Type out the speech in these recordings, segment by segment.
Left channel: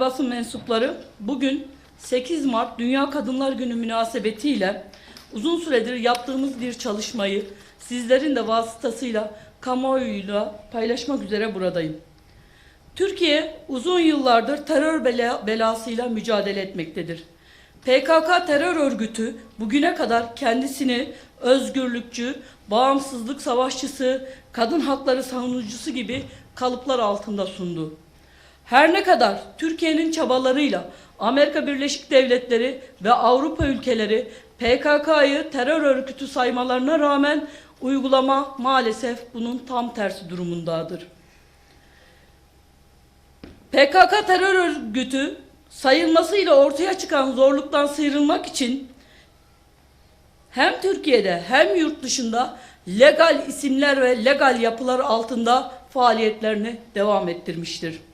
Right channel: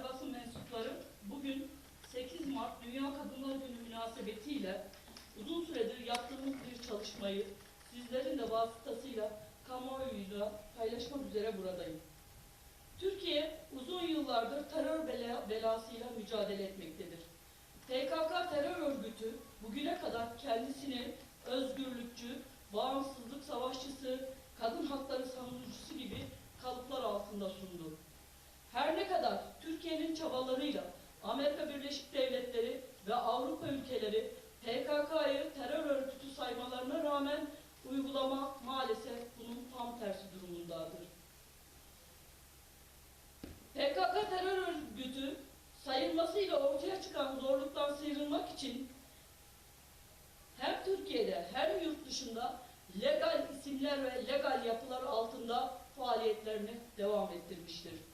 Basın mensupları, bugün 8 Mart Dünya Kadınlar Günü münasebetiyle uzun süredir yaptığımız bir çalışmayı sizlerin de vasıtasıyla kamuoyuyla paylaşmak üzere buradayım. Türkiye uzun yıllardır terör bela- belasıyla mücadele etmektedir. PKK terör örgütü bugüne kadar kendisini özgürlükçü, bağımsızlık savaşçısı, kadın hakları savunucusu gibi kalıplar altında sundu. Her ne kadar Türkiye'nin çabalarıyla Amerika Birleşik Devletleri ve Avrupa ülkeleri PKK'yı terör örgütü saymalarına rağmen uygulama maalesef bunun tam tersi durumundadır. PKK terör örgütü sayılmasıyla ortaya çıkan zorluktan sıyrılmak için hem Türkiye'de hem yurt dışında legal isimler ve legal yapılar altında faaliyetlerini devam ettirmiştir.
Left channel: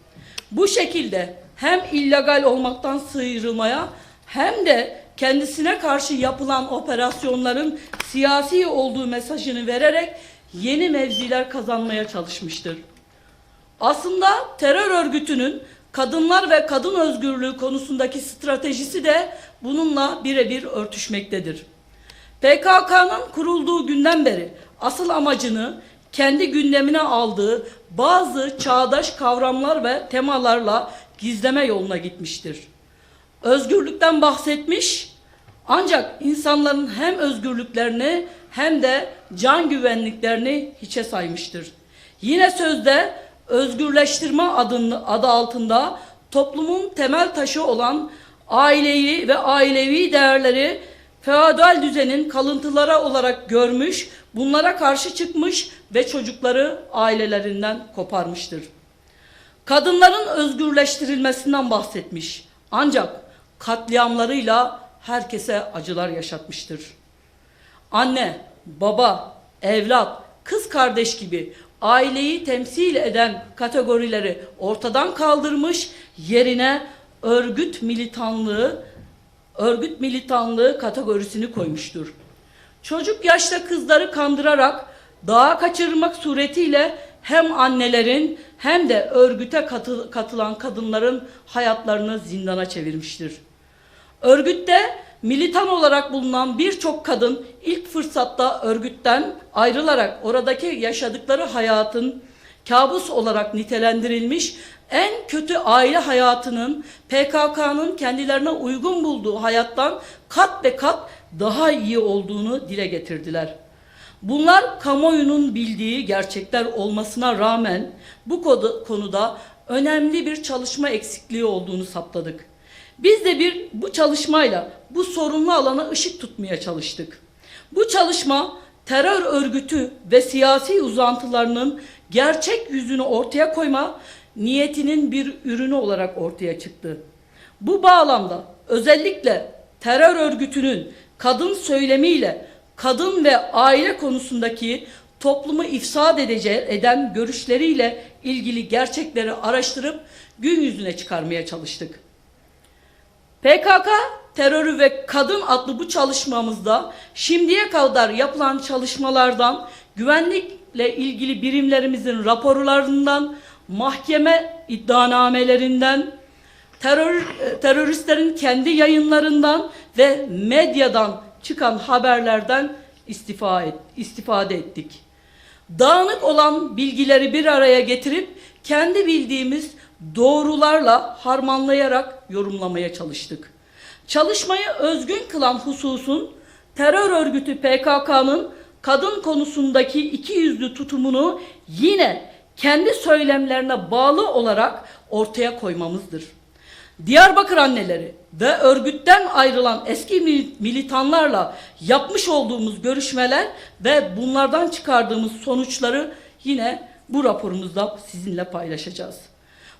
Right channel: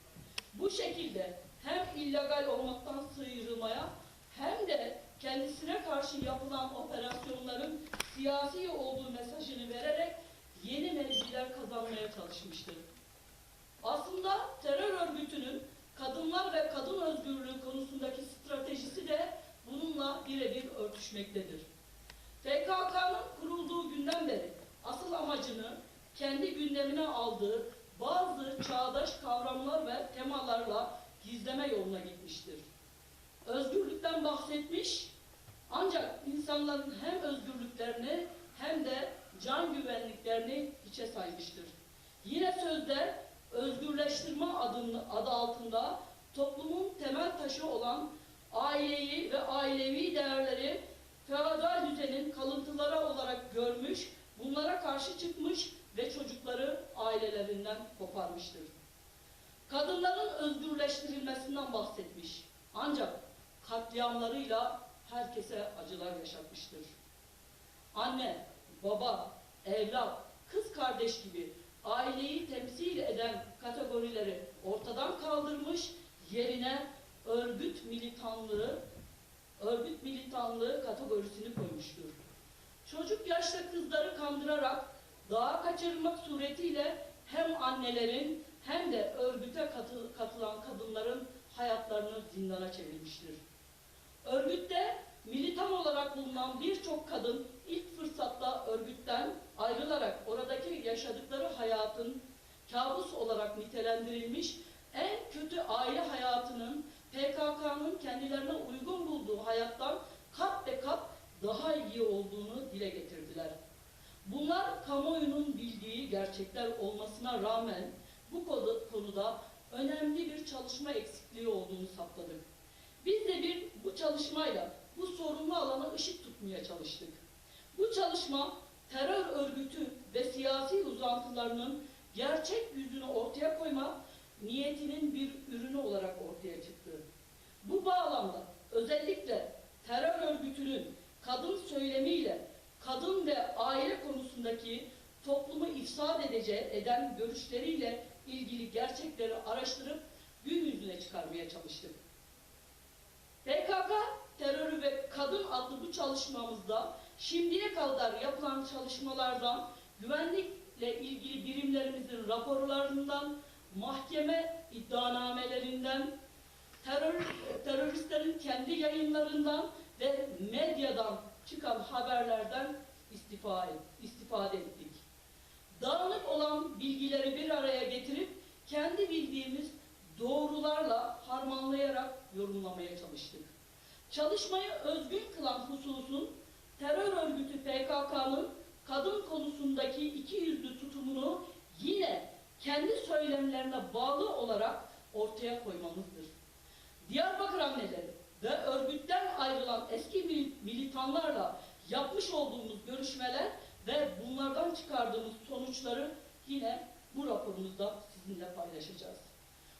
Bu şekilde hem illegal olmaktan sıyrılmaya hem de kendisine karşı yapılan operasyonların siyasi olduğu mesajını vererek yeni mevziler kazanmaya çalışmıştır. Aslında terör örgütünün kadınlar ve kadın özgürlüğü konusundaki stratejisi de bununla birebir örtüşmektedir. PKK'nın kurulduğu günden beri asıl amacını kendi gündemine aldığı bazı çağdaş kavramlar ve temalarla gizleme yoluna gitmiştir. Özgürlükten bahsetmiş ancak insanların hem özgürlüklerini hem de can güvenliklerini hiçe saymıştır. Yine sözde özgürleştirme adını, adı altında toplumun temel taşı olan aileyi ve ailevi değerleri feodal düzenin kalıntıları olarak görmüş, bunlara karşı çıkmış ve çocukları ailelerinden koparmıştır. Kadınların özgürleştirilmesinden bahsetmiş. Ancak katliamlarıyla herkese acılar yaşatmıştır. Anne, baba, evlat, kız kardeş gibi aileyi temsil eden kategorileri ortadan kaldırmış, yerine örgüt militanlığı, örgüt militanlığı kategorisini koymuştur. Çocuk yaşta kızları kandırarak dağa kaçırmak suretiyle hem annelerin hem de örgüte katı- katılan kadınların hayatlarını zindana çevirmiştir. Örgütte militan olarak bulunan birçok kadın ilk fırsatta örgütten ayrılarak oradaki yaşadıkları hayatın kabus olarak nitelendirilmiş, en kötü aile hayatının PKK'nın kendilerine uygun bulduğu hayattan kat ve kat daha iyi olduğunu dile getirdiler. Bunlar kamuoyunun bildiği gerçekler olmasına rağmen bu konuda önemli bir çalışma eksikliği olduğunu saptadık. Biz de bir bu çalışmayla bu sorunlu alana ışık tutmaya çalıştık. Bu çalışma terör örgütü ve siyasi uzantılarının gerçek yüzünü ortaya koyma niyetinin bir ürünü olarak ortaya çıktı. Bu bağlamda özellikle terör örgütünün kadın söylemiyle kadın ve aile konusundaki toplumu ifsad edece eden görüşleriyle ilgili gerçekleri araştırıp gün yüzüne çıkarmaya çalıştık. PKK terörü ve kadın adlı bu çalışmamızda şimdiye kadar yapılan çalışmalardan, güvenlikle ilgili birimlerimizin raporlarından, mahkeme iddianamelerinden, terör, e, teröristlerin kendi yayınlarından ve medyadan çıkan haberlerden istifa et, istifade ettik. Dağınık olan bilgileri bir araya getirip kendi bildiğimiz doğrularla harmanlayarak yorumlamaya çalıştık. Çalışmayı özgün kılan hususun terör örgütü PKK'nın kadın konusundaki iki yüzlü tutumunu yine kendi söylemlerine bağlı olarak ortaya koymamızdır. Diyarbakır anneleri ve örgütten ayrılan eski mil- militanlarla yapmış olduğumuz görüşmeler ve bunlardan çıkardığımız sonuçları yine bu raporumuzda sizinle paylaşacağız.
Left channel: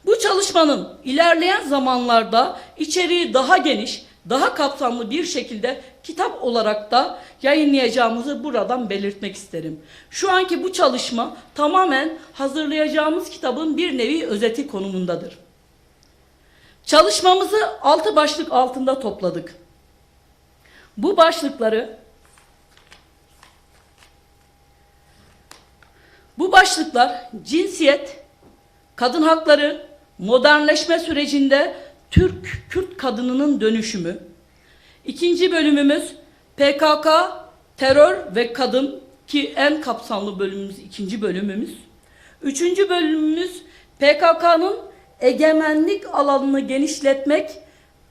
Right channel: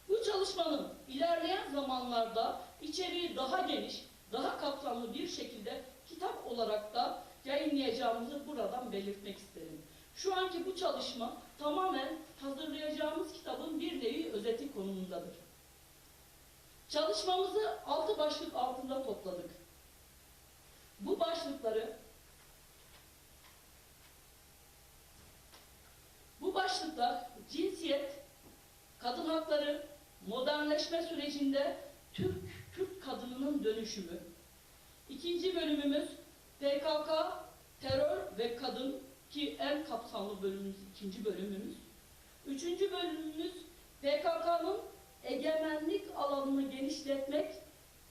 Bu çalışmanın ilerleyen zamanlarda içeriği daha geniş, daha kapsamlı bir şekilde kitap olarak da yayınlayacağımızı buradan belirtmek isterim. Şu anki bu çalışma tamamen hazırlayacağımız kitabın bir nevi özeti konumundadır. Çalışmamızı altı başlık altında topladık. Bu başlıkları bu başlıklar cinsiyet, kadın hakları, modernleşme sürecinde Türk Kürt kadınının dönüşümü. İkinci bölümümüz PKK, terör ve kadın ki en kapsamlı bölümümüz ikinci bölümümüz. Üçüncü bölümümüz PKK'nın egemenlik alanını genişletmek,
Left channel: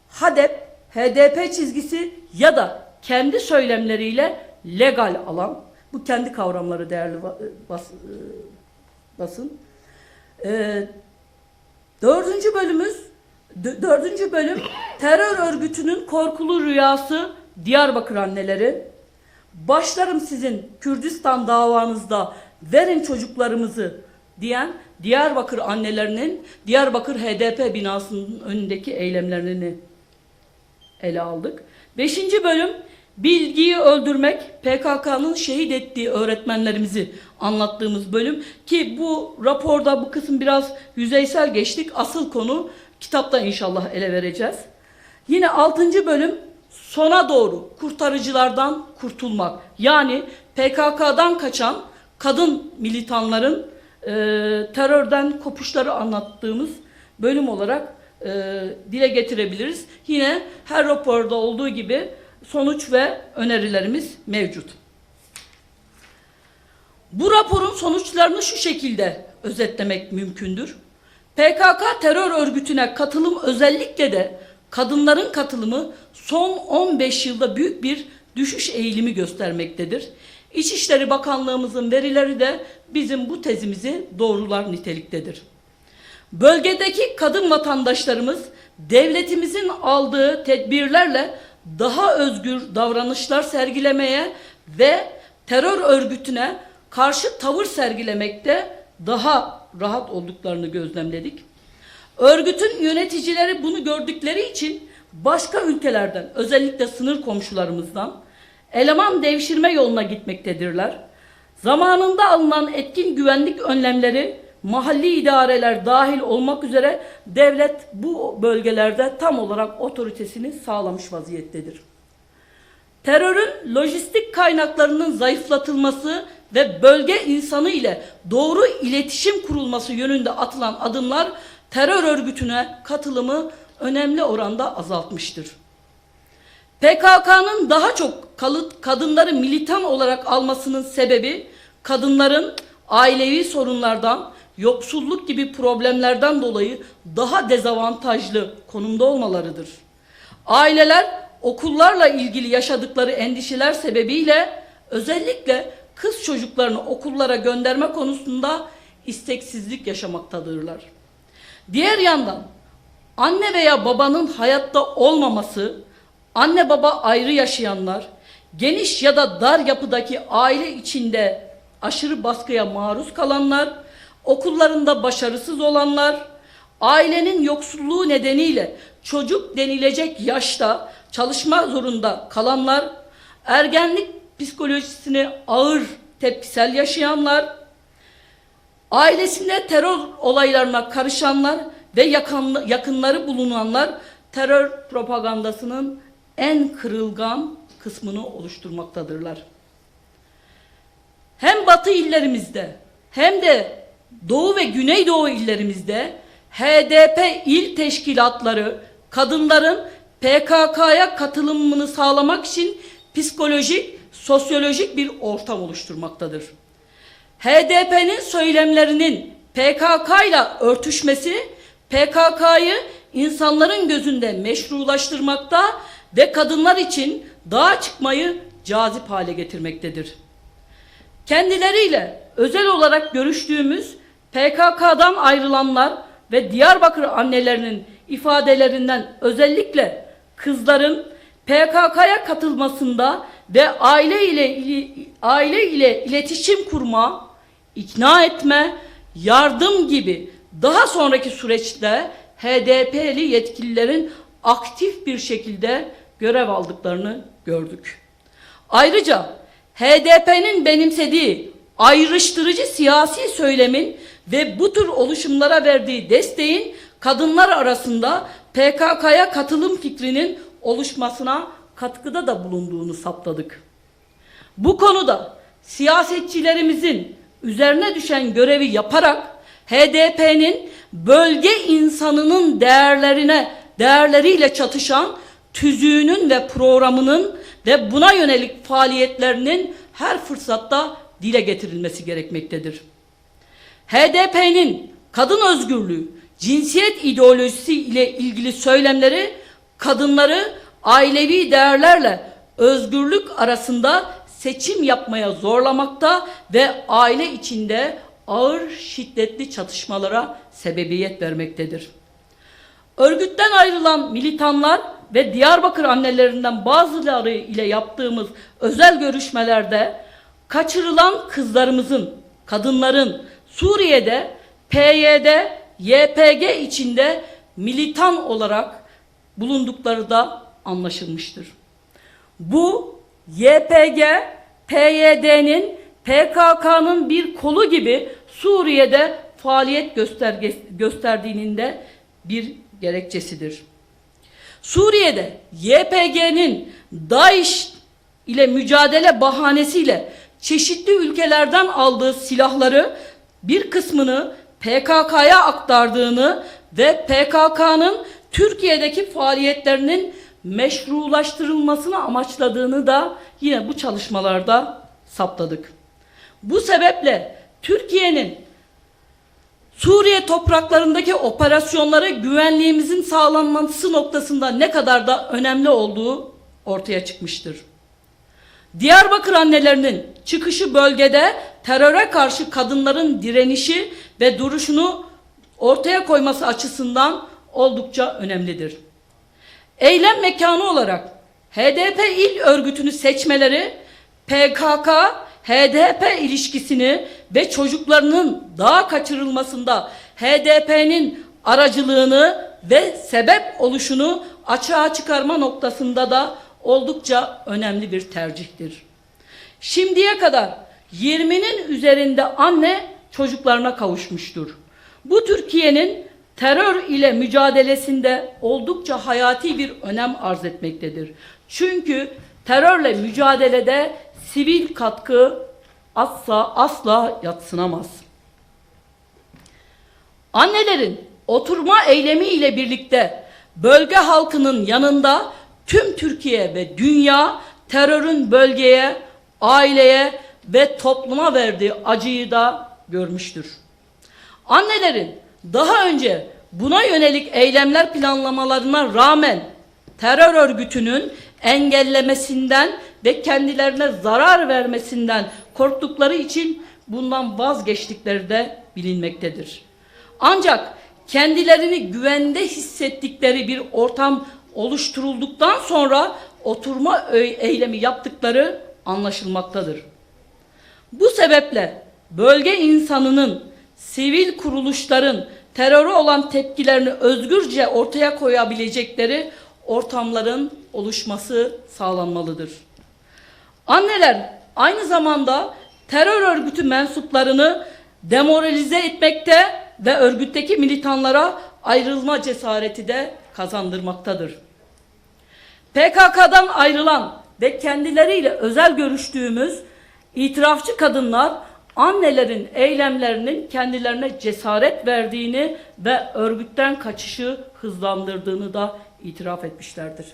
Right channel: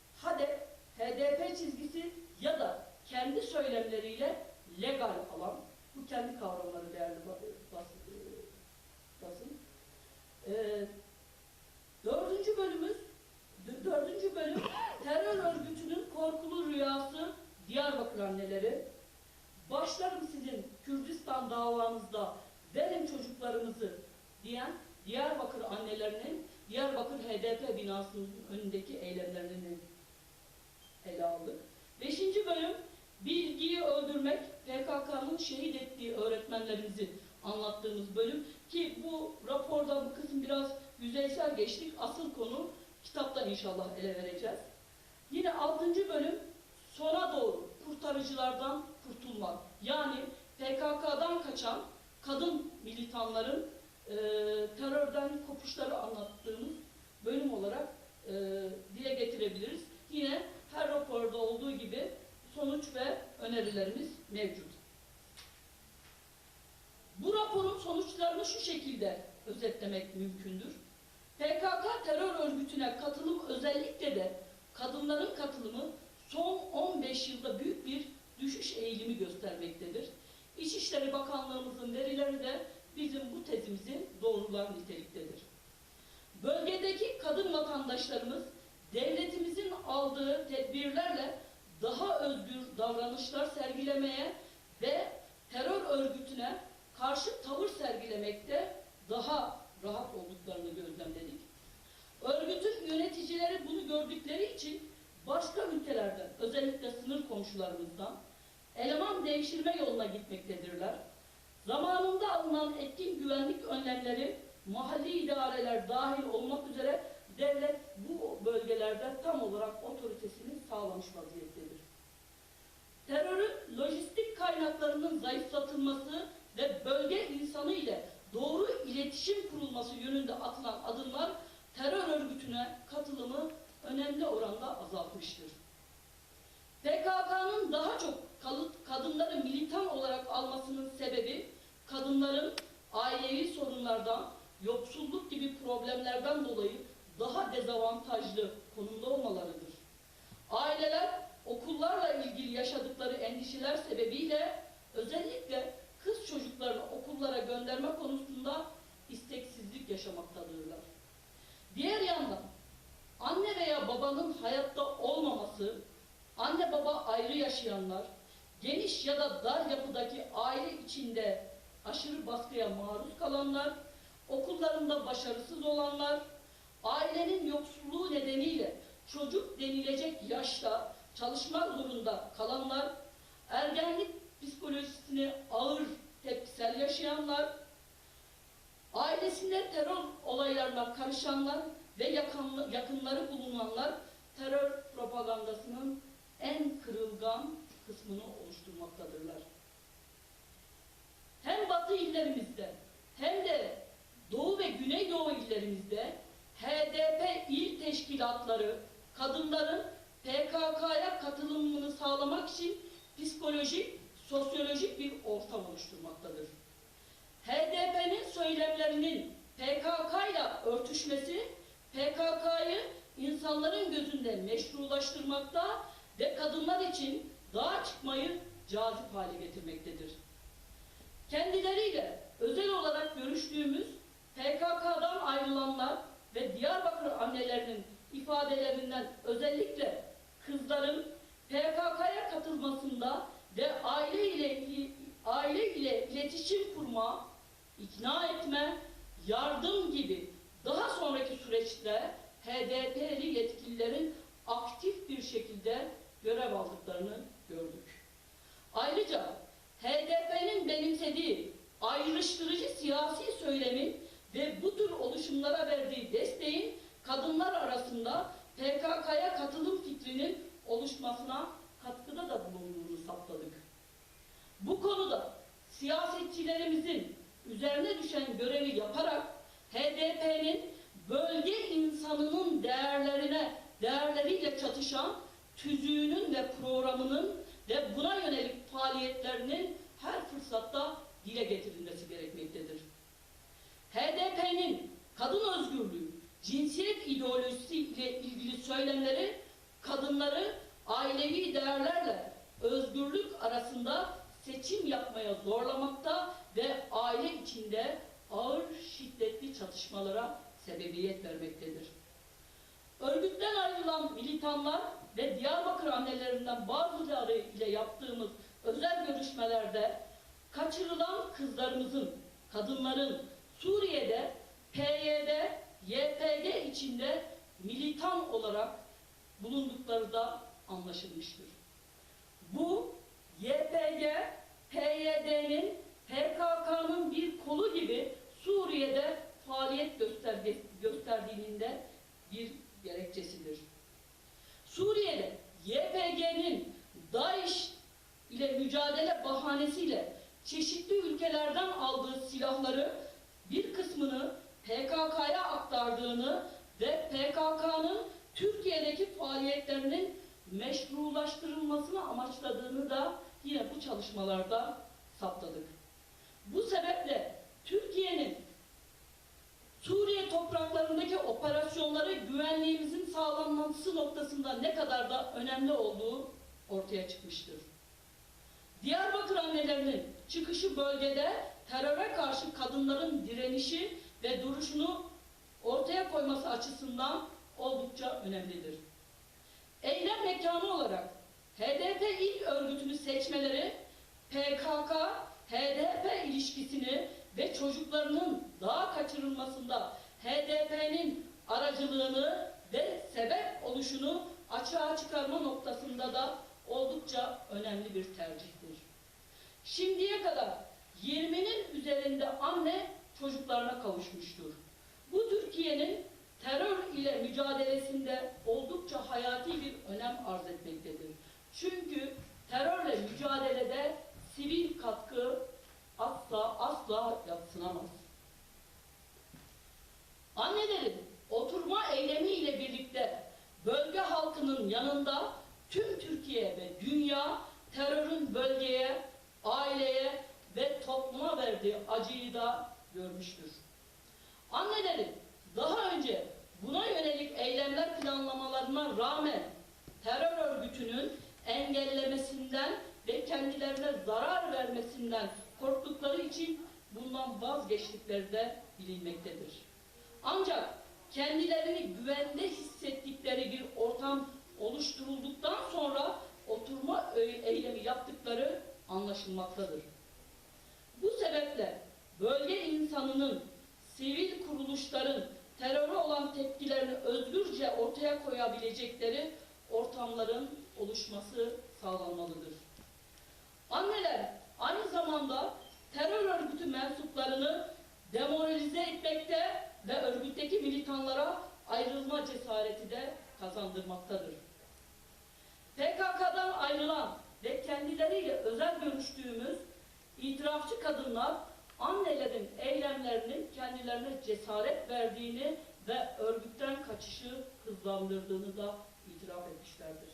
HADEP, HDP çizgisi ya da kendi söylemleriyle legal alan. Bu kendi kavramları değerli bas, e, basın. Ee, dördüncü bölümümüz dördüncü bölüm terör örgütünün korkulu rüyası Diyarbakır anneleri. Başlarım sizin Kürdistan davanızda verin çocuklarımızı diyen Diyarbakır annelerinin Diyarbakır HDP binasının önündeki eylemlerini ele aldık. Beşinci bölüm bilgiyi öldürmek PKK'nın şehit ettiği öğretmenlerimizi anlattığımız bölüm ki bu raporda bu kısım biraz yüzeysel geçtik. Asıl konu kitapta inşallah ele vereceğiz. Yine altıncı bölüm sona doğru kurtarıcılardan kurtulmak. Yani PKK'dan kaçan kadın militanların e, terörden kopuşları anlattığımız bölüm olarak e, dile getirebiliriz. Yine her raporda olduğu gibi sonuç ve önerilerimiz mevcut. Bu raporun sonuçlarını şu şekilde özetlemek mümkündür. PKK terör örgütüne katılım özellikle de kadınların katılımı son 15 yılda büyük bir düşüş eğilimi göstermektedir. İçişleri Bakanlığımızın verileri de bizim bu tezimizi doğrular niteliktedir. Bölgedeki kadın vatandaşlarımız devletimizin aldığı tedbirlerle daha özgür davranışlar sergilemeye ve terör örgütüne karşı tavır sergilemekte daha rahat olduklarını gözlemledik. Örgütün yöneticileri bunu gördükleri için başka ülkelerden özellikle sınır komşularımızdan eleman devşirme yoluna gitmektedirler. Zamanında alınan etkin güvenlik önlemleri mahalli idareler dahil olmak üzere devlet bu bölgelerde tam olarak otoritesini sağlamış vaziyettedir. Terörün lojistik kaynaklarının zayıflatılması ve bölge insanı ile doğru iletişim kurulması yönünde atılan adımlar terör örgütüne katılımı önemli oranda azaltmıştır. PKK'nın daha çok kalıt kadınları militan olarak almasının sebebi kadınların ailevi sorunlardan, yoksulluk gibi problemlerden dolayı daha dezavantajlı konumda olmalarıdır. Aileler okullarla ilgili yaşadıkları endişeler sebebiyle özellikle kız çocuklarını okullara gönderme konusunda isteksizlik yaşamaktadırlar. Diğer yandan anne veya babanın hayatta olmaması, anne baba ayrı yaşayanlar, geniş ya da dar yapıdaki aile içinde aşırı baskıya maruz kalanlar, okullarında başarısız olanlar, ailenin yoksulluğu nedeniyle çocuk denilecek yaşta çalışma zorunda kalanlar, ergenlik psikolojisini ağır tepkisel yaşayanlar, ailesinde terör olaylarına karışanlar ve yakın, yakınları bulunanlar terör propagandasının en kırılgan kısmını oluşturmaktadırlar. Hem batı illerimizde hem de doğu ve güneydoğu illerimizde HDP il teşkilatları kadınların PKK'ya katılımını sağlamak için psikolojik, sosyolojik bir ortam oluşturmaktadır. HDP'nin söylemlerinin PKK ile örtüşmesi PKK'yı insanların gözünde meşrulaştırmakta ve kadınlar için dağa çıkmayı cazip hale getirmektedir. Kendileriyle özel olarak görüştüğümüz PKK'dan ayrılanlar ve Diyarbakır annelerinin ifadelerinden özellikle kızların PKK'ya katılmasında ve aile ile aile ile iletişim kurma, ikna etme, yardım gibi daha sonraki süreçte HDP'li yetkililerin aktif bir şekilde görev aldıklarını gördük. Ayrıca HDP'nin benimsediği ayrıştırıcı siyasi söylemin ve bu tür oluşumlara verdiği desteğin kadınlar arasında PKK'ya katılım fikrinin oluşmasına katkıda da bulunduğunu saptadık. Bu konuda siyasetçilerimizin üzerine düşen görevi yaparak HDP'nin bölge insanının değerlerine değerleriyle çatışan tüzüğünün ve programının ve buna yönelik faaliyetlerinin her fırsatta dile getirilmesi gerekmektedir. HDP'nin kadın özgürlüğü, cinsiyet ideolojisi ile ilgili söylemleri kadınları ailevi değerlerle özgürlük arasında seçim yapmaya zorlamakta ve aile içinde ağır şiddetli çatışmalara sebebiyet vermektedir. Örgütten ayrılan militanlar ve Diyarbakır annelerinden bazıları ile yaptığımız özel görüşmelerde kaçırılan kızlarımızın, kadınların Suriye'de PYD, YPG içinde militan olarak bulundukları da anlaşılmıştır. Bu YPG, PYD'nin PKK'nın bir kolu gibi Suriye'de faaliyet gösterge, gösterdiğinin de bir gerekçesidir. Suriye'de YPG'nin DAEŞ ile mücadele bahanesiyle çeşitli ülkelerden aldığı silahları bir kısmını PKK'ya aktardığını ve PKK'nın Türkiye'deki faaliyetlerinin meşrulaştırılmasını amaçladığını da yine bu çalışmalarda saptadık. Bu sebeple Türkiye'nin Suriye topraklarındaki operasyonlara güvenliğimizin sağlanması noktasında ne kadar da önemli olduğu ortaya çıkmıştır. Diyarbakır annelerinin çıkışı bölgede teröre karşı kadınların direnişi ve duruşunu ortaya koyması açısından oldukça önemlidir. Eylem mekanı olarak HDP il örgütünü seçmeleri PKK HDP ilişkisini ve çocuklarının daha kaçırılmasında HDP'nin aracılığını ve sebep oluşunu açığa çıkarma noktasında da oldukça önemli bir tercihtir. Şimdiye kadar 20'nin üzerinde anne çocuklarına kavuşmuştur. Bu Türkiye'nin terör ile mücadelesinde oldukça hayati bir önem arz etmektedir. Çünkü terörle mücadelede sivil katkı asla asla yatsınamaz. Annelerin oturma eylemi ile birlikte bölge halkının yanında tüm Türkiye ve dünya terörün bölgeye, aileye ve topluma verdiği acıyı da görmüştür. Annelerin daha önce buna yönelik eylemler planlamalarına rağmen terör örgütünün engellemesinden ve kendilerine zarar vermesinden korktukları için bundan vazgeçtikleri de bilinmektedir. Ancak kendilerini güvende hissettikleri bir ortam oluşturulduktan sonra oturma eylemi yaptıkları anlaşılmaktadır. Bu sebeple bölge insanının, sivil kuruluşların teröre olan tepkilerini özgürce ortaya koyabilecekleri ortamların oluşması sağlanmalıdır. Anneler aynı zamanda terör örgütü mensuplarını demoralize etmekte ve örgütteki militanlara ayrılma cesareti de kazandırmaktadır. PKK'dan ayrılan ve kendileriyle özel görüştüğümüz itirafçı kadınlar annelerin eylemlerinin kendilerine cesaret verdiğini ve örgütten kaçışı hızlandırdığını da itiraf etmişlerdir.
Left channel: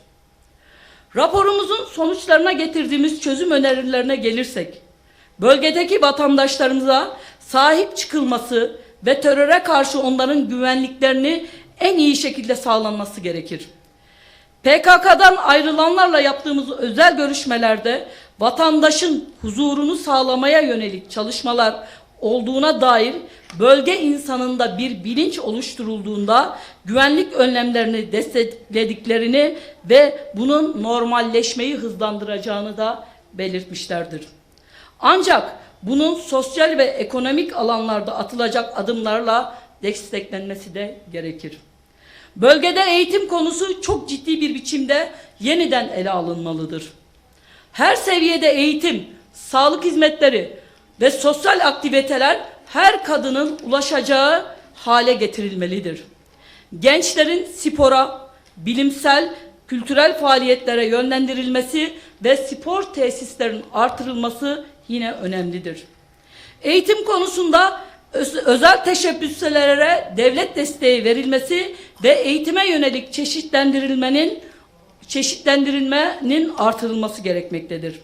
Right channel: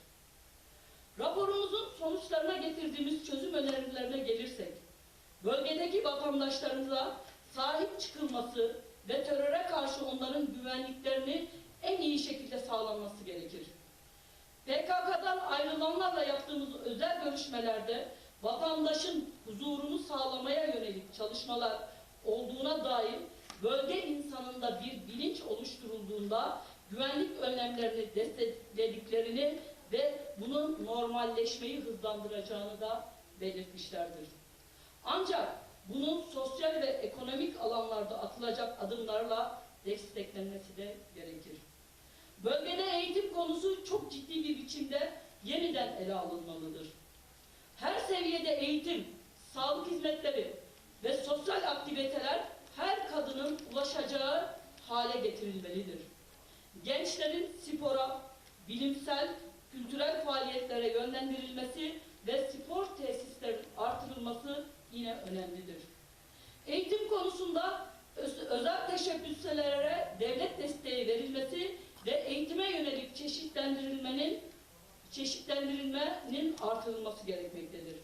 Raporumuzun sonuçlarına getirdiğimiz çözüm önerilerine gelirsek, bölgedeki vatandaşlarımıza sahip çıkılması ve teröre karşı onların güvenliklerini en iyi şekilde sağlanması gerekir. PKK'dan ayrılanlarla yaptığımız özel görüşmelerde vatandaşın huzurunu sağlamaya yönelik çalışmalar olduğuna dair bölge insanında bir bilinç oluşturulduğunda güvenlik önlemlerini desteklediklerini ve bunun normalleşmeyi hızlandıracağını da belirtmişlerdir. Ancak bunun sosyal ve ekonomik alanlarda atılacak adımlarla desteklenmesi de gerekir. Bölgede eğitim konusu çok ciddi bir biçimde yeniden ele alınmalıdır. Her seviyede eğitim, sağlık hizmetleri ve sosyal aktiviteler her kadının ulaşacağı hale getirilmelidir. Gençlerin spora, bilimsel, kültürel faaliyetlere yönlendirilmesi ve spor tesislerinin artırılması yine önemlidir. Eğitim konusunda öz- özel teşebbüslere devlet desteği verilmesi ve eğitime yönelik çeşitlendirilmenin çeşitlendirilmenin artırılması gerekmektedir.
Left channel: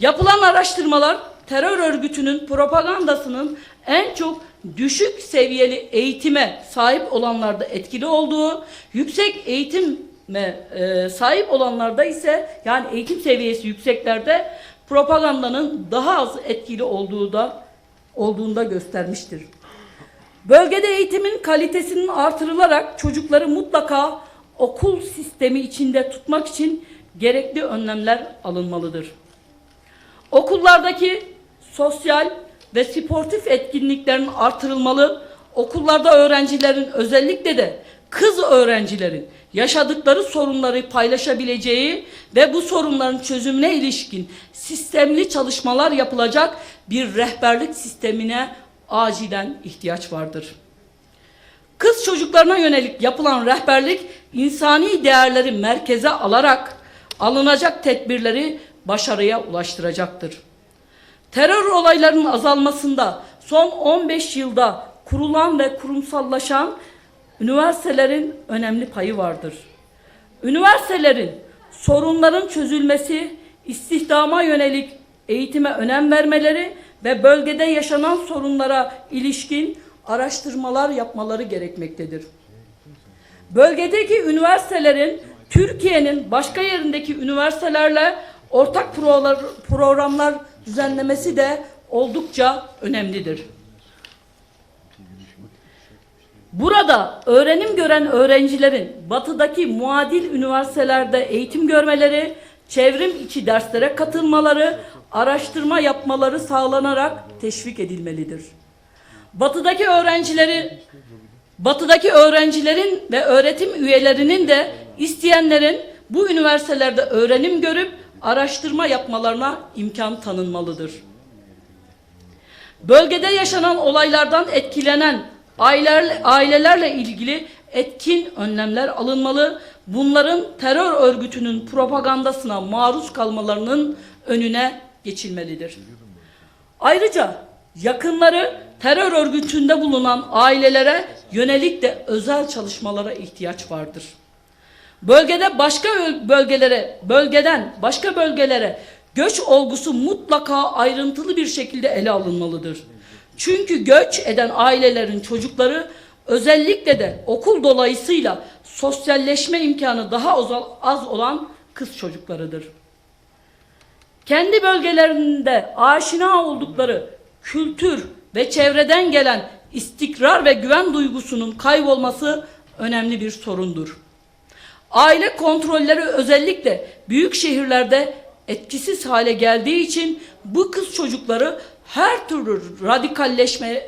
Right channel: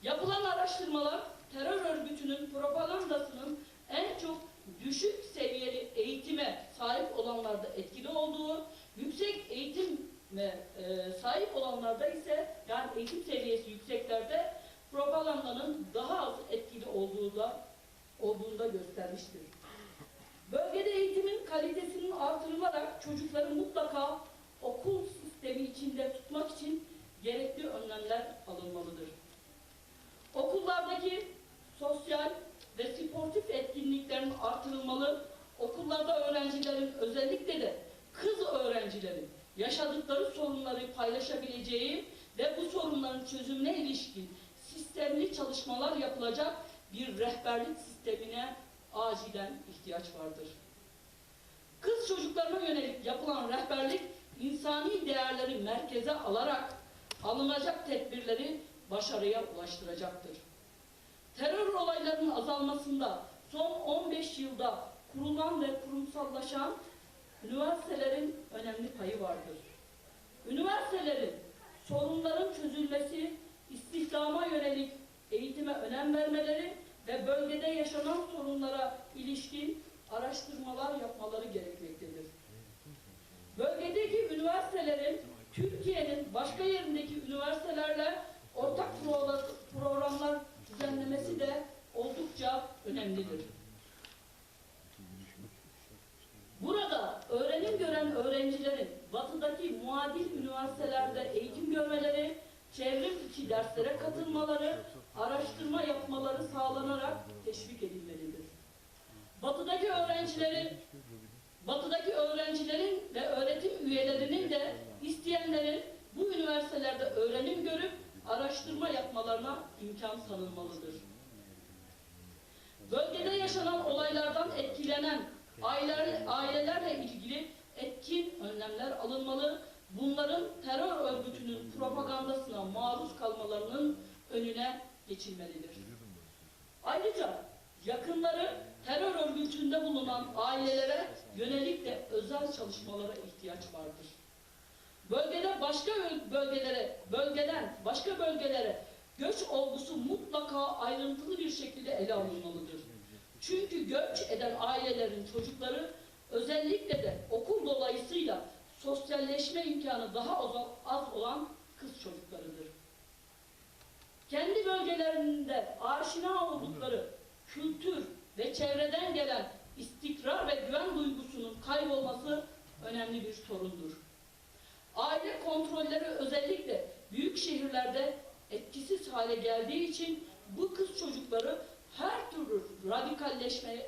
Yapılan araştırmalar terör örgütünün propagandasının en çok düşük seviyeli eğitime sahip olanlarda etkili olduğu, yüksek eğitime e, sahip olanlarda ise yani eğitim seviyesi yükseklerde propagandanın daha az etkili olduğu da olduğunda göstermiştir. Bölgede eğitimin kalitesinin artırılarak çocukları mutlaka okul sistemi içinde tutmak için gerekli önlemler alınmalıdır. Okullardaki sosyal ve sportif etkinliklerin artırılmalı, okullarda öğrencilerin özellikle de kız öğrencilerin yaşadıkları sorunları paylaşabileceği ve bu sorunların çözümüne ilişkin sistemli çalışmalar yapılacak bir rehberlik sistemine acilen ihtiyaç vardır. Kız çocuklarına yönelik yapılan rehberlik insani değerleri merkeze alarak alınacak tedbirleri başarıya ulaştıracaktır. Terör olaylarının azalmasında son 15 yılda kurulan ve kurumsallaşan üniversitelerin önemli payı vardır. Üniversitelerin sorunların çözülmesi, istihdama yönelik eğitime önem vermeleri ve bölgede yaşanan sorunlara ilişkin araştırmalar yapmaları gerekmektedir. Bölgedeki üniversitelerin Türkiye'nin başka yerindeki üniversitelerle ortak programlar düzenlemesi de oldukça önemlidir. Burada öğrenim gören öğrencilerin batıdaki muadil üniversitelerde eğitim görmeleri, çevrim içi derslere katılmaları, araştırma yapmaları sağlanarak teşvik edilmelidir. Batıdaki öğrencileri Batıdaki öğrencilerin ve öğretim üyelerinin de isteyenlerin bu üniversitelerde öğrenim görüp araştırma yapmalarına imkan tanınmalıdır. Bölgede yaşanan olaylardan etkilenen aileler, ailelerle ilgili etkin önlemler alınmalı. Bunların terör örgütünün propagandasına maruz kalmalarının önüne geçilmelidir. Ayrıca yakınları terör örgütünde bulunan ailelere yönelik de özel çalışmalara ihtiyaç vardır. Bölgede başka öl- bölgelere, bölgeden başka bölgelere göç olgusu mutlaka ayrıntılı bir şekilde ele alınmalıdır. Çünkü göç eden ailelerin çocukları özellikle de okul dolayısıyla sosyalleşme imkanı daha az olan kız çocuklarıdır kendi bölgelerinde aşina oldukları kültür ve çevreden gelen istikrar ve güven duygusunun kaybolması önemli bir sorundur. Aile kontrolleri özellikle büyük şehirlerde etkisiz hale geldiği için bu kız çocukları her türlü radikalleşme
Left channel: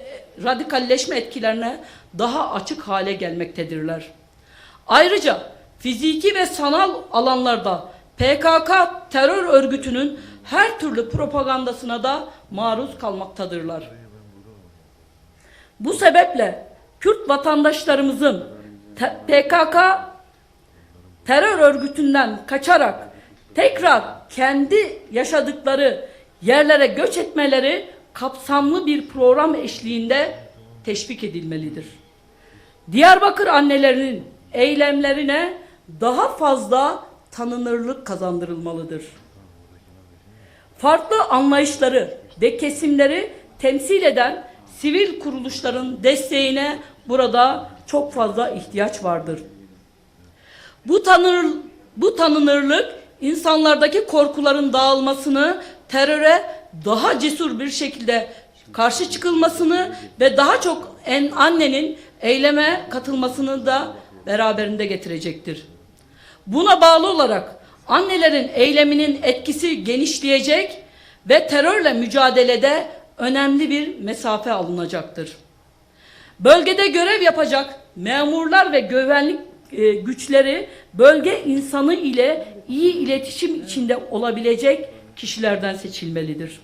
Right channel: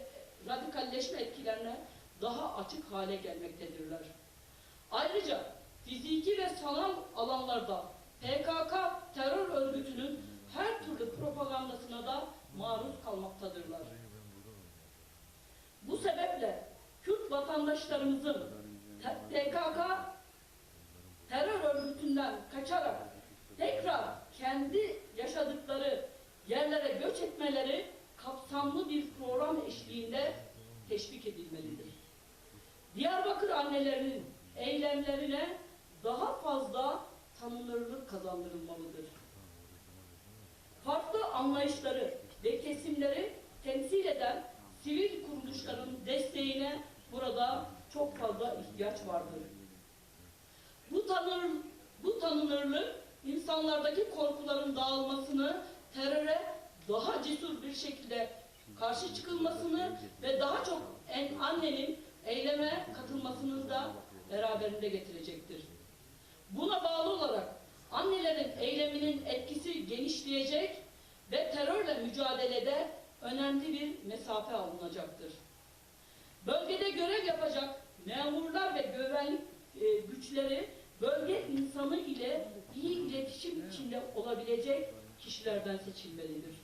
radikalleşme etkilerine daha açık hale gelmektedirler. Ayrıca fiziki ve sanal alanlarda PKK terör örgütünün her türlü propagandasına da maruz kalmaktadırlar. Bu sebeple Kürt vatandaşlarımızın te- PKK terör örgütünden kaçarak tekrar kendi yaşadıkları yerlere göç etmeleri kapsamlı bir program eşliğinde teşvik edilmelidir. Diyarbakır annelerinin eylemlerine daha fazla tanınırlık kazandırılmalıdır. Farklı anlayışları ve kesimleri temsil eden sivil kuruluşların desteğine burada çok fazla ihtiyaç vardır. Bu tanır bu tanınırlık insanlardaki korkuların dağılmasını, teröre daha cesur bir şekilde karşı çıkılmasını ve daha çok en annenin eyleme katılmasını da beraberinde getirecektir. Buna bağlı olarak annelerin eyleminin etkisi genişleyecek ve terörle mücadelede önemli bir mesafe alınacaktır. Bölgede görev yapacak memurlar ve güvenlik e, güçleri bölge insanı ile iyi iletişim içinde olabilecek kişilerden seçilmelidir.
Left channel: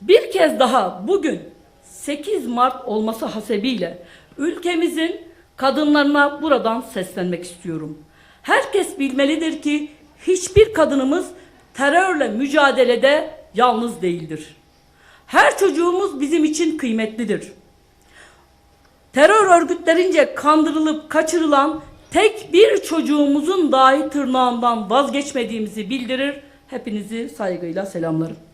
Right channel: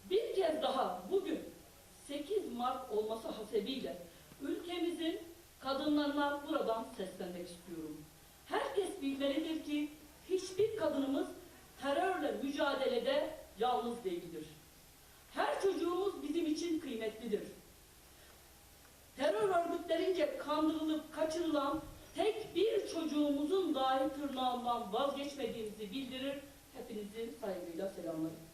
Bir kez daha bugün 8 Mart olması hasebiyle ülkemizin kadınlarına buradan seslenmek istiyorum. Herkes bilmelidir ki hiçbir kadınımız terörle mücadelede yalnız değildir. Her çocuğumuz bizim için kıymetlidir. Terör örgütlerince kandırılıp kaçırılan tek bir çocuğumuzun dahi tırnağından vazgeçmediğimizi bildirir. Hepinizi saygıyla selamlarım.